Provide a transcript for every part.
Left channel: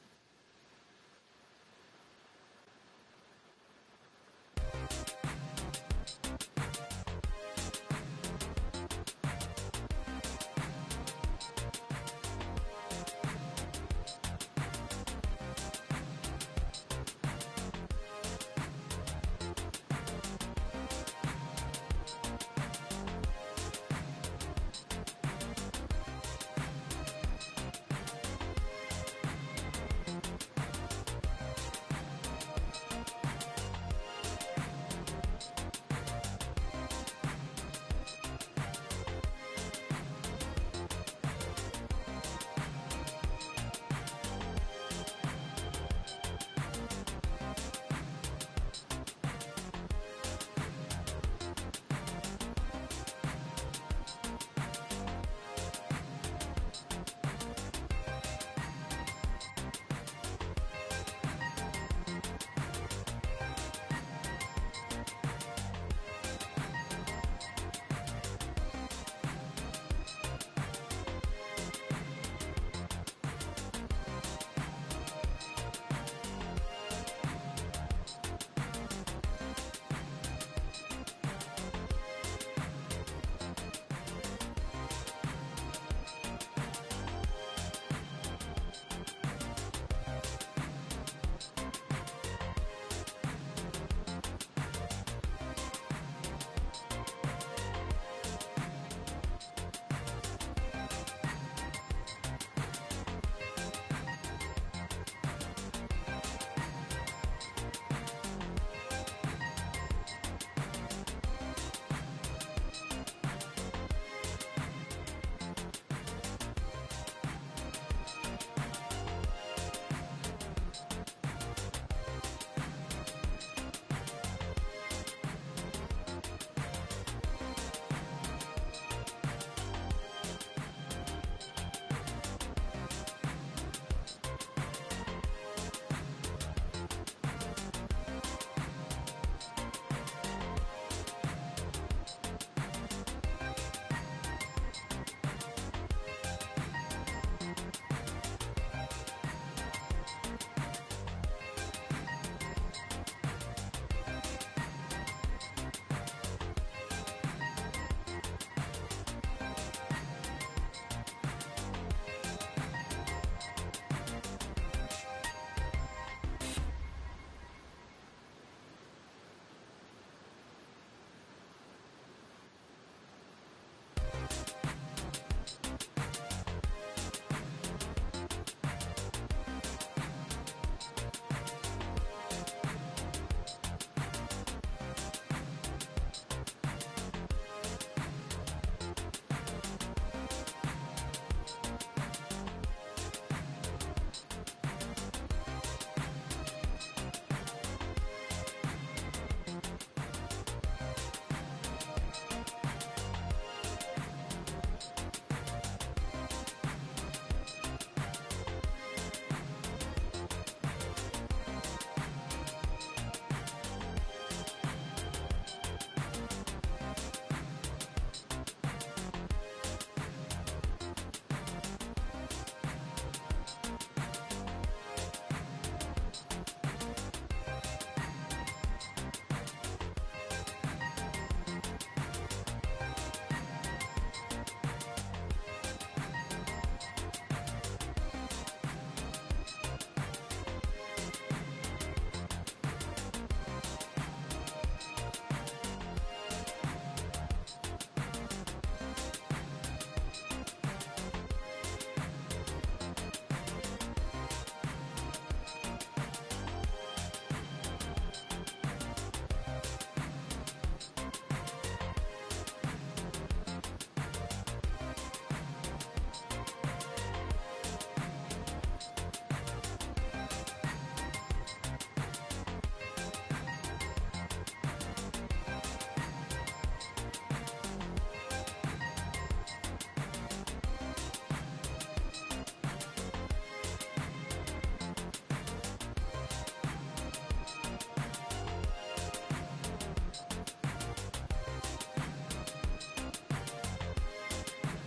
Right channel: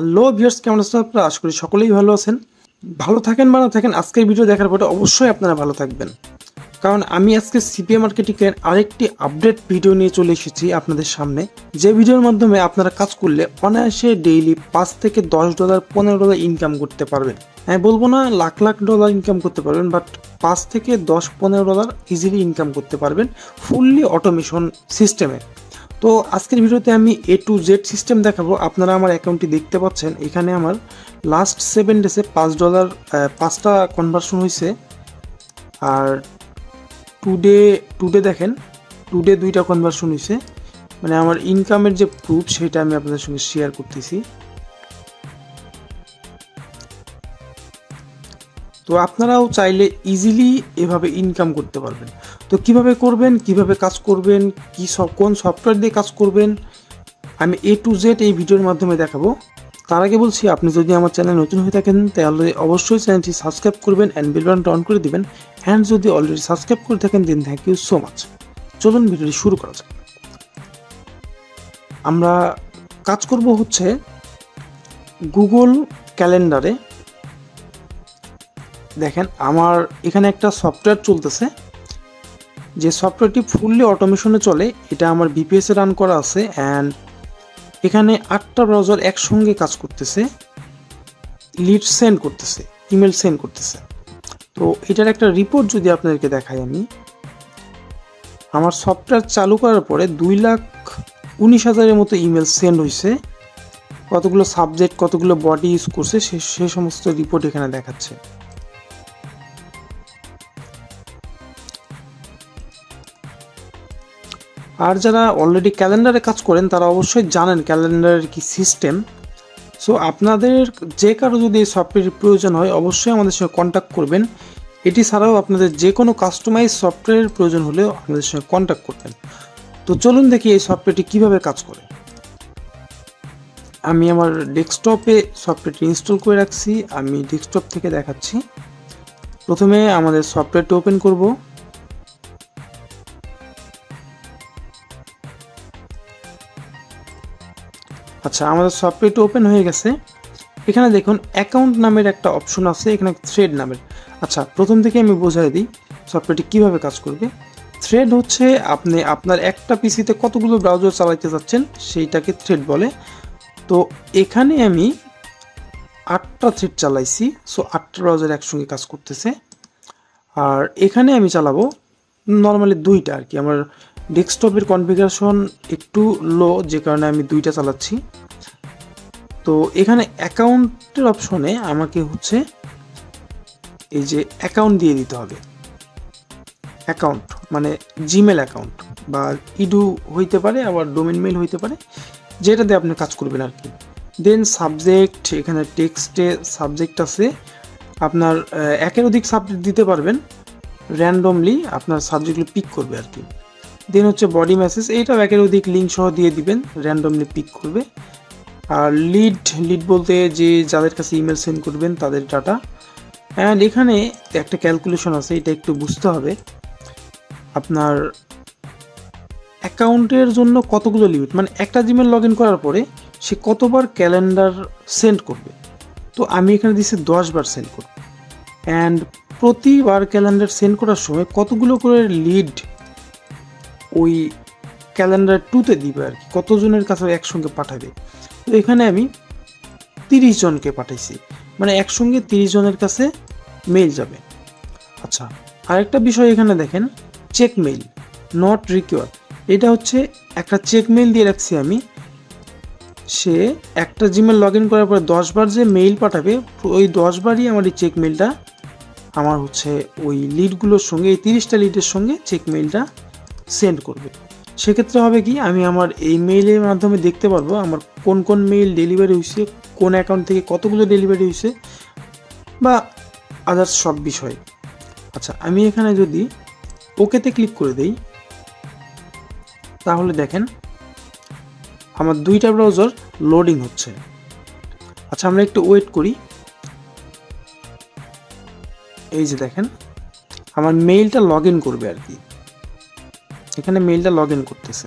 Hello viewers, কেমন আছেন আপনারা? আশা করি সকলেই ভালো আছেন। ভালো থাকেন বা না থাকেন, আজকের ভিডিও দেখার পরে অবশ্যই আপনারা ভালো থাকবেন, কারণ আমি আজকে সিপিএ মার্কেটিংয়ের আরেকটি আপডেট ভিডিও নিয়ে চলে এসেছি আপনাদের সামনে। যে ভিডিওর মাধ্যমে আপনারা কাজ করলে অনায়াসে ডেইলি $5 থেকে $10 $15 ইনকাম করতে পারবেন। আমি বলবো না লাখ লাখ ডলার ইনকাম করতে পারবেন, বাট $5 থেকে $10 ইজিলি ইনকাম করতে পারবেন ফুললি অটোমেশন সিস্টেমে। তো আজকের ভিডিওতে আমি A to Z সিস্টেম দেখাবো। আপনারা আমার অ্যাকাউন্টটি দেখতে পাচ্ছেন, এখানে আমার লাস্ট 7 ডেজে $5 5টা কনভার্সন হয়েছে। আর টুডে দেখেন, টুডে 2টা কনভার্সন হয়েছে। মানে আমার ইনকামের যে প্রুফ সেটা আমি আপনাদের সঙ্গে শেয়ার করতেছি। তো আপনারাও চাইলে ইজিলি এভাবে ইনকাম করতে পারবেন। তো কিভাবে করবেন, কিভাবে কাজ করবেন, কোন সফটওয়্যার দিয়ে কাজ করবেন, আমি A to Z এই ভিডিওর মাধ্যমে দেখাবো। তার আগে বলছি, আপনি যদি আমার চ্যানেল নতুন হয়ে থাকেন তাহলে অবশ্যই চ্যানেলটি সাবস্ক্রাইব করবেন অ্যান্ড বেল বাটনটা অন করে দিবেন। অ্যান্ড যদি অলরেডি সাবস্ক্রাইব করে থাকেন দেন থ্যাংক ইউ সো মাচ। চলুন ভিডিওটি শুরু করা যাক। আমরা কাজ করব হচ্ছে গুগল ক্যালেন্ডারে। দেখেন আমার এখানে একটা সফটওয়্যার চলতেছে, যে সফটওয়্যারটি ফুললি অটোমেশনে চলে। এটা আমার বিপিএসে রান করা আছে অ্যান্ড এখানে 8টা ব্রাউজার একসঙ্গে কাজ করতেছে, লিড সেন্ড করতেছে, ইমেল সেন্ড করতেছে। তো এটার একটা রিপোর্ট যদি আপনাদেরকে দেখাই, আমি আমার সফটওয়্যার চালু করার পরে 2,19,000-এর মতো ইমেল সেন্ড হয়েছে। কতগুলো সাবজেক্ট, কতগুলো বডি ইউজ করছে সে সমস্ত রিপোর্ট এখানে দেখাচ্ছে। আর যারা অলরেডি ক্যালেন্ডারে কাজ করেন তারা অবশ্যই জানেন ক্যালেন্ডারের কি সিস্টেম। সো আপনাদের যে কারো যদি এই সফটওয়্যারের প্রয়োজন হয় অবশ্যই আমাদের সঙ্গে কন্ট্যাক্ট করবেন। এটি ছাড়াও আপনাদের যে কোনো কাস্টমাইজ সফটওয়্যারের প্রয়োজন হলেও আমাদের সঙ্গে কন্ট্যাক্ট করবেন। তো চলুন দেখি এই সফটওয়্যারটি কীভাবে কাজ করে। আমি আমার ডেস্কটপে সফটওয়্যারটি ইনস্টল করে রাখছি, আমি ডেস্কটপ থেকে দেখাচ্ছি। প্রথমে আমাদের সফটওয়্যারটি ওপেন করব। আচ্ছা, আমাদের সফটওয়্যারটি ওপেন হয়ে গেছে। এখানে দেখুন অ্যাকাউন্ট নামের একটা অপশন আছে, এখানে থ্রেড নামের। আচ্ছা, প্রথম থেকে আমি বোঝাই দিই সফটওয়্যারটি কীভাবে কাজ করবে। থ্রেড হচ্ছে আপনি আপনার একটা পিসিতে কতগুলো ব্রাউজার চালাইতে যাচ্ছেন সেইটাকে থ্রেড বলে। তো এখানে আমি 8টা থ্রেড চালাইছি, সো 8টা ব্রাউজার একসঙ্গে কাজ করতেছে। আর এখানে আমি চালাবো নর্মালি 2টা আর কি। আমার ডেস্কটপের কনফিগারেশন একটু লো, যে কারণে আমি 2টা চালাচ্ছি। তো এখানে অ্যাকাউন্টের অপশনে আমাকে হচ্ছে এই যে অ্যাকাউন্ট দিয়ে দিতে হবে। অ্যাকাউন্ট মানে জিমেল অ্যাকাউন্ট বা ইডু হইতে পারে, আবার ডোমেন মেল হইতে পারে, যেটা দিয়ে আপনি কাজ করবেন আর কি। দেন সাবজেক্ট, এখানে টেক্সটে সাবজেক্ট আছে। আপনার একের অধিক সাবজেক্ট দিতে পারবেন, র্যান্ডমলি আপনার সাবজেক্টগুলো পিক করবে আর কি। দেন হচ্ছে বডি মেসেজ, এইটাও একের অধিক লিঙ্ক সহ দিয়ে দিবেন, র্যান্ডমলি পিক করবে। আর লিড বলতে যে যাদের কাছে ইমেল সেন্ড করবেন তাদের ডাটা। অ্যান্ড এখানে একটা ক্যালকুলেশন আছে, এটা একটু বুঝতে হবে। আপনার অ্যাকাউন্টের জন্য কতগুলো লিমিট, মানে একটা জিমেল লগ ইন করার পরে সে কতবার ক্যালেন্ডার সেন্ড করবে। তো আমি এখানে দিচ্ছি 10 বার সেন্ড করব। অ্যান্ড প্রতিবার ক্যালেন্ডার সেন্ড করার সময় কতগুলো করে লিড ওই ক্যালেন্ডার 2তে দিবে আর কি, কতজনের কাছে একসঙ্গে পাঠাবে। তো এখানে আমি 30 জনকে পাঠাইছি, মানে একসঙ্গে 30 জনের কাছে মেইল যাবে। আচ্ছা, আরেকটা বিষয় এখানে দেখেন, চেক মেইল নট রিকোয়ার্ড। এটা হচ্ছে একটা চেক মেইল দিয়ে রাখছি আমি। সে একটা জিমেল লগ ইন করার পরে 10 বার যে মেইল পাঠাবে, ওই 10 বারই আমার এই চেক মেইলটা আমার হচ্ছে ওই লিডগুলোর সঙ্গে, এই 30টা লিডের সঙ্গে চেক মেইলটা সেন্ড করবে। সেক্ষেত্রে হবে কি, আমি আমার এই মেইলের মাধ্যমে দেখতে পারবো আমার কোন কোন মেইল ডেলিভারি হয়েছে, কোন অ্যাকাউন্ট থেকে কতগুলো ডেলিভারি হয়েছে, বা আদার্স সব বিষয়। আচ্ছা, আমি এখানে যদি ওকেতে ক্লিক করে দেই তাহলে দেখেন আমার 2টা ব্রাউজার লোডিং হচ্ছে। আচ্ছা, আমরা একটু ওয়েট করি। এই যে দেখেন আমার মেইলটা লগ ইন করবে আর কি, এখানে মেইলটা লগ ইন করতেছে।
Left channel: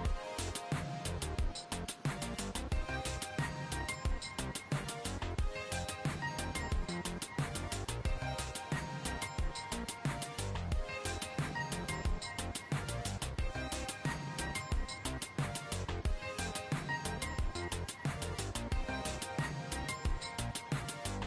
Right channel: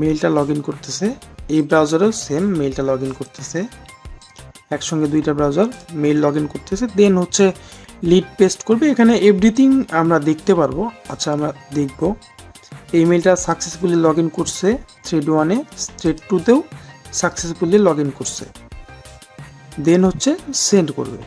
মেইলটা লগ ইন করতেছে, এই ব্রাউজারেও সেম মেইলটা লগ ইন করতেছে, একসঙ্গে দুইটা ব্রাউজার মেইল লগ ইন করতেছে। দেন হচ্ছে লিড পেস্ট করবে, এখানে এভরিথিং আমরা দেখতে পারবো। আচ্ছা আমরা দেখব এই মেইলটা সাকসেসফুলি লগ ইন করছে থ্রেড 1-এ, থ্রেড 2-তেও সাকসেসফুলি লগ ইন করছে। দেন হচ্ছে সেন্ড করবে।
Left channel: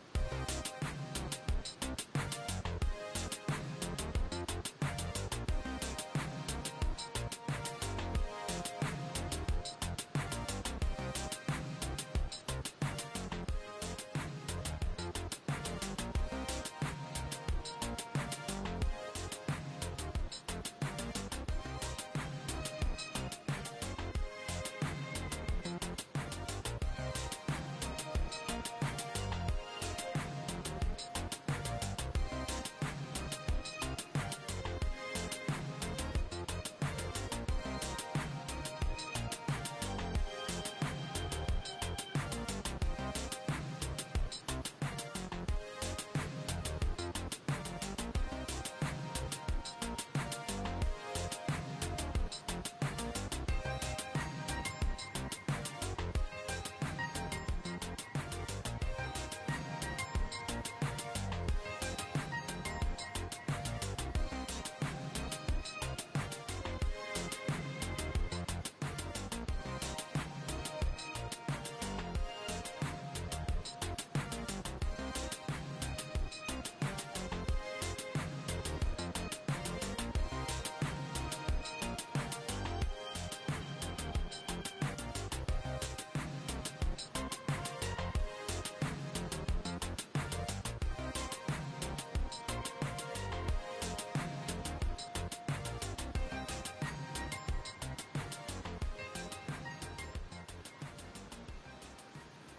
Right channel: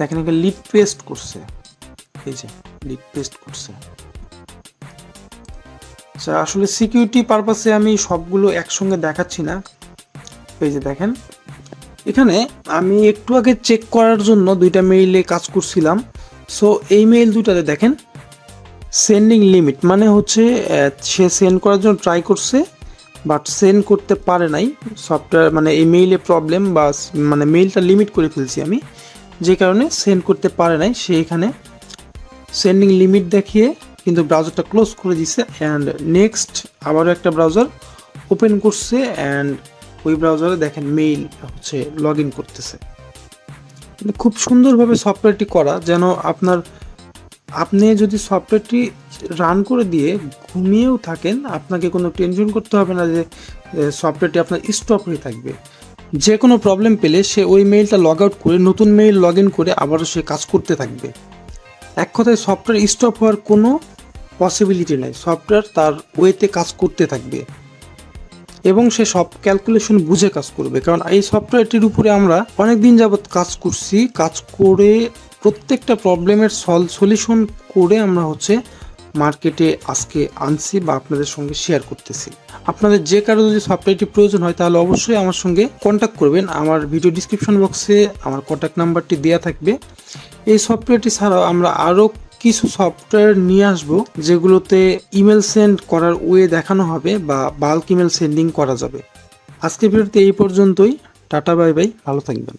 দেখেন এখানে লিড পেস্ট করছে, এই যে লিড পেস্ট করছে। আচ্ছা আসলে সিকিউরিটি পারপাসে আমি সবগুলো একসঙ্গে দেখাচ্ছি না। এই যে দেখেন এখানে আমি একটু আগে চেক করার জন্য দুইটা মেইলে কাজ করছিলাম। সো এই মেইল দুটাতে দেখেন সেন্ডিং লিমিট, মানে হচ্ছে সে সেন্ড করার জন্য ট্রাই করছে বাট সেন্ড করতে পারে নাই। সফটওয়্যার মানে এই মেইলে প্রবলেম বা মানে মেইলটা লিমিট করে ফেলছি আমি, যে কারণে সেন্ড করতে পারে নাই। সে এখানে সেন্ডিং লিমিট দেখিয়ে কিন্তু ব্রাউজারটা ক্লোজ করে দিছে অ্যান্ড নেক্সট আবারও একটা ব্রাউজার ওপেন করছে অ্যান্ড ওই ব্রাউজারে দেখেন মেইল হচ্ছে লগ ইন করতেছে। খুব সুন্দরভাবে সফটওয়্যারটি করা, যেন আপনি যদি সফটওয়্যারটি রান করে দিয়ে ঘুমিয়েও থাকেন আপনাকে কোনো টেনশন করতে হবে না যে সফটওয়্যারটি আপনার স্টপ হয়ে থাকবে। যে কোনো প্রবলেম পেলে সে ওই মেইলটা লগ আউট করে নতুন মেইল লগ ইন করে আবারও সে কাজ করতে থাকবে। এক কথায় সফটওয়্যার স্টপ হওয়ার কোনো পসিবিলিটি নেই, সফটওয়্যার তার ওয়েতে কাজ করতে থাকবে এবং সে সব ক্যালকুলেশন বুঝে কাজ করবে। কারণ এই সফটওয়্যারটির উপরে আমরা অনেক দিন যাবৎ কাজ করছি, কাজ করে প্রত্যেকটা প্রবলেমের সলিউশন করে আমরা হচ্ছে মার্কেটে আজকে আনছি বা আপনাদের সঙ্গে শেয়ার করতেছি। আপনাদের যে কারো যদি সফটওয়্যারটি প্রয়োজন হয় তাহলে অবশ্যই আমার সঙ্গে কন্ট্যাক্ট করবেন। আমার ভিডিও ডিসক্রিপশন বক্সে আমার কন্ট্যাক্ট নাম্বারটি দেওয়া থাকবে। এই সফটওয়্যারটি ছাড়াও আমরা আরও কিছু সফটওয়্যার নিয়ে আসবো যেগুলোতে ইমেল সেন্ড করার ওয়ে দেখানো হবে বা বাল্ক ইমেল সেন্ডিং করা যাবে। আজকের ভিডিওতে এই পর্যন্তই। টাটা বাই বাই, ভালো থাকবেন।